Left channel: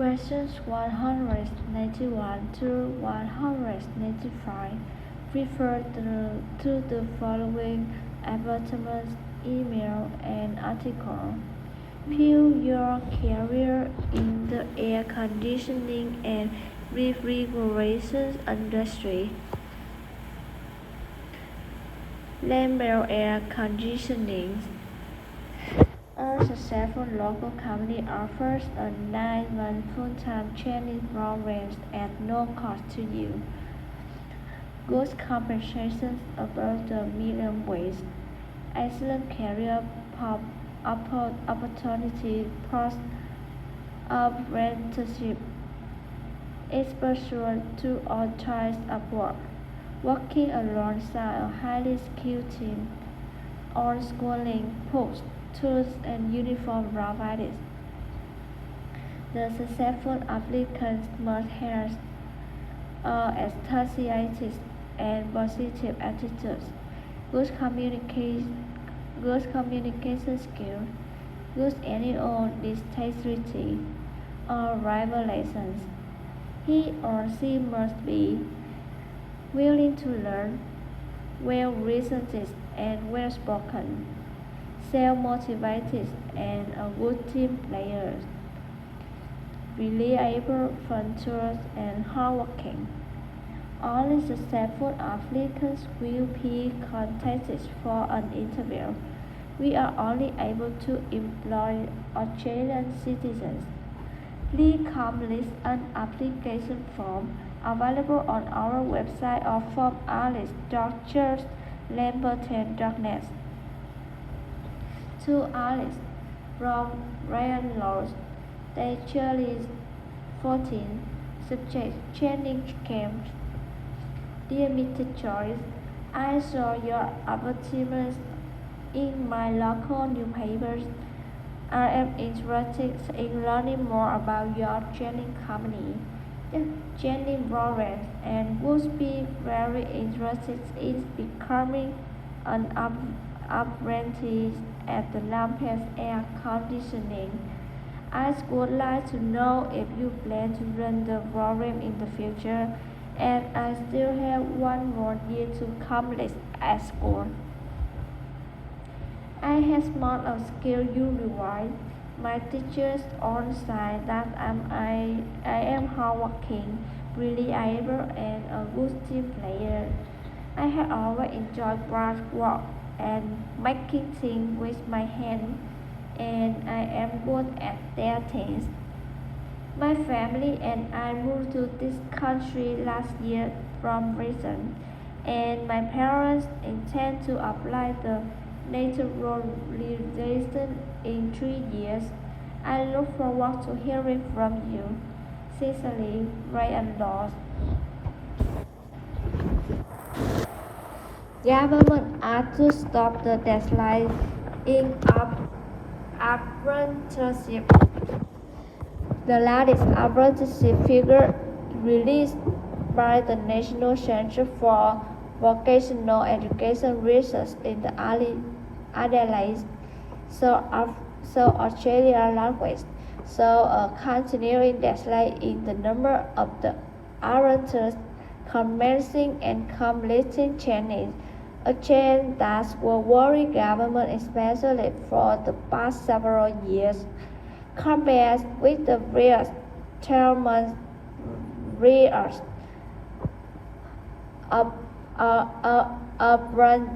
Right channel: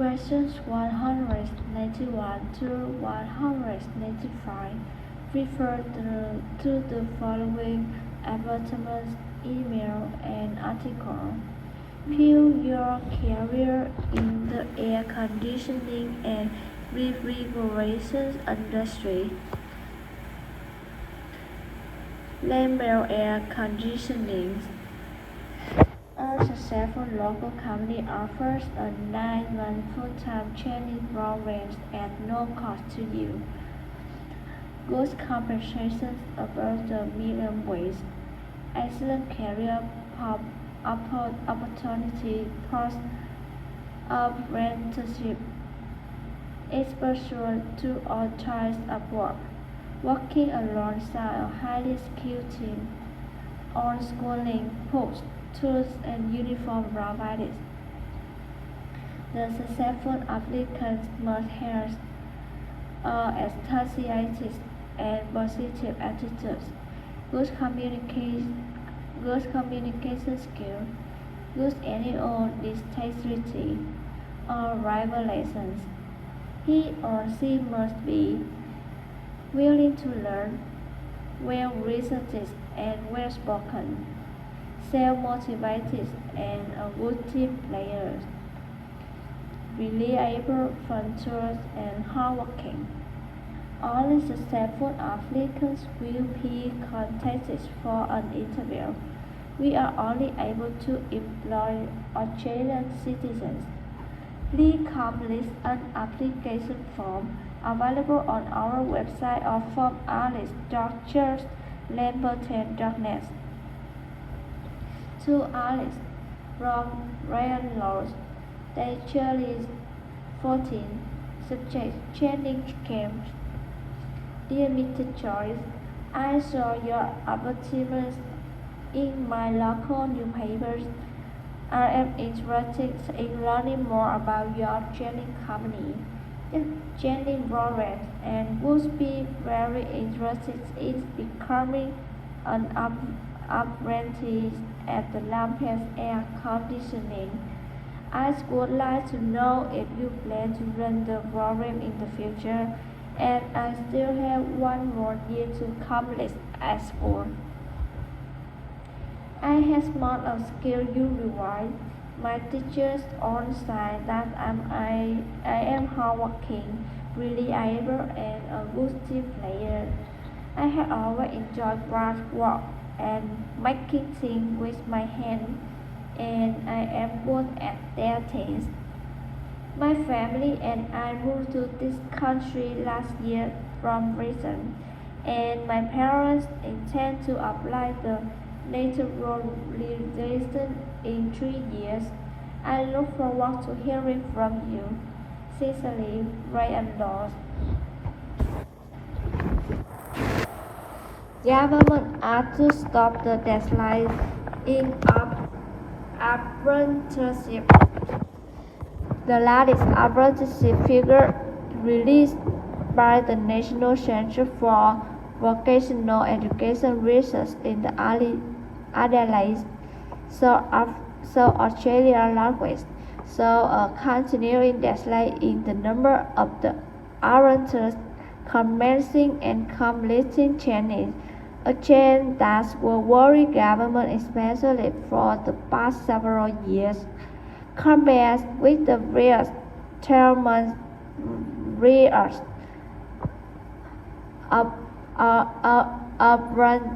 Verses 191 to 195 refer to the following advertisements, email, and article. Fuel your career in the air conditioning and refrigeration industry. Lambert Air Conditioning. A successful local company offers a 9-month full-time training program at no cost to you. Good compensation above the minimum wage. Excellent career opportunity plus apprenticeship. Exposure to all types of work. Working alongside a highly skilled team. On schooling, books, tools, and uniform provided. The successful applicants must have enthusiastic and positive attitudes, good communication skills, good annual dexterity, or revelations. He or she must be willing to learn, well-researched and well-spoken, self-motivated, and a good team player, reliable, punctual, and hardworking. Only successful applicants will be contacted for an interview. We are only able to employ Australian citizens. Please complete an application form available on our website or from alice.churchlamberton.net. To Alice from Ryan Lodge, Lecture 14, Subject Training Camp. Dear Mr. Joyce, I saw your advertisements in my local newspapers. I am interested in learning more about your training company and training program and would be very interested in becoming an apprentice at the Lambert Air Conditioning. I would like to know if you plan to run the program in the future, and I still have one more year to complete at school. I have not a skill you require. My teachers all say that I am hardworking, reliable, and a good team player. I have always enjoyed craft work and making things with my hands, and I am good at their things. My family and I moved to this country last year from Britain, and my parents intend to apply the naturalization in 3 years. I look forward to hearing from you. Sincerely, Ryan Lodge. Government asked to stop the deadline in apprenticeship. The latest apprenticeship figure released by the National Centre for Vocational Education Research in the Adelaide, South Australia language, saw a continuing decline in the number of the apprentices commencing and completing training, a trend that will worry government especially for the past several years. Compared with the previous 12-month years,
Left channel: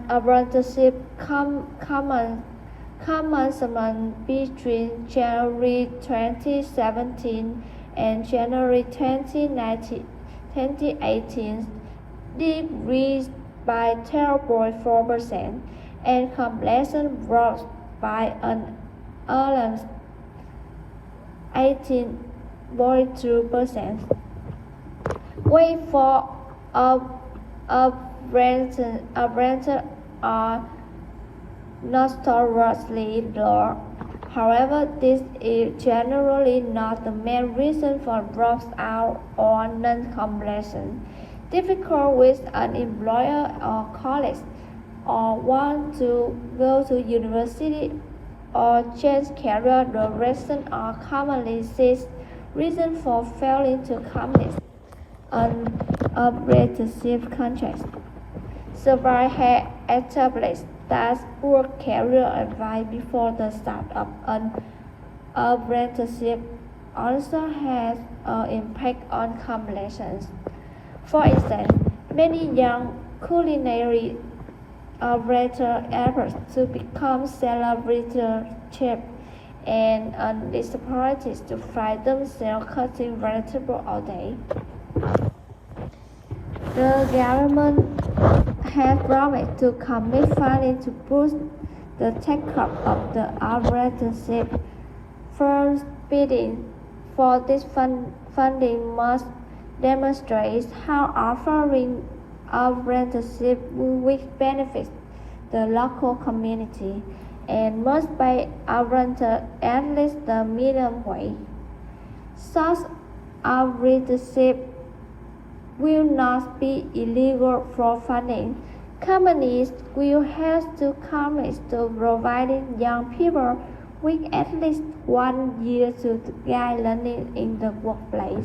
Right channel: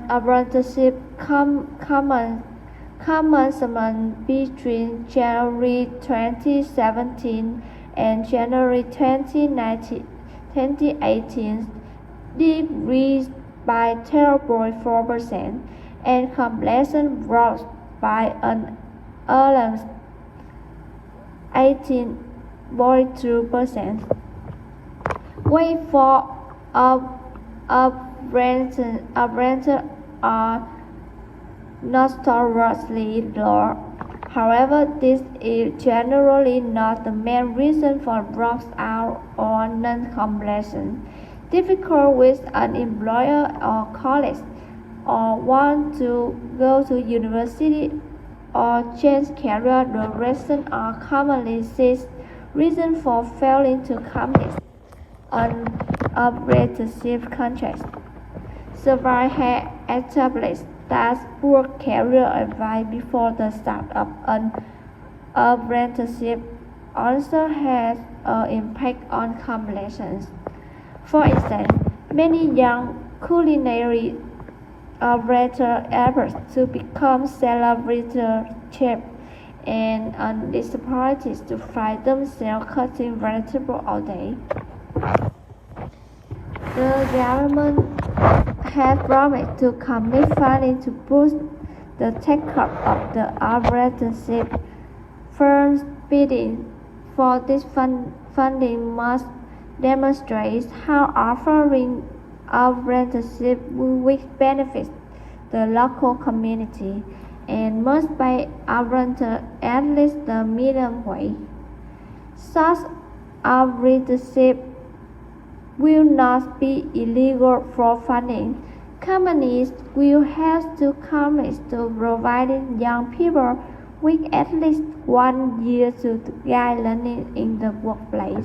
apprenticeship commencement between January 2017 and January 2018 decreased by 12.4%, and completion rose by an alarming 18.2%. Wait for apprentices are notoriously low. However, this is generally not the main reason for dropout or non-completion. Difficult with an employer or college, or want to go to university or change career direction are commonly seen reason for failing to commit on apprenticeship contracts. Survey had established that poor career advice before the start of an apprenticeship also has an impact on completions. For instance, many young culinary operators efforts to become celebrity chefs and are disappointed to find themselves cutting vegetables all day. The government has promised to commit funding to boost the take-up of the apprenticeship. Firms bidding for this funding must demonstrate how offering apprenticeship will benefit the local community and must pay apprentices at least the minimum wage. Such apprenticeship will not be illegal for funding. Companies will have to commit to providing young people with at least 1 year to gain learning in the workplace.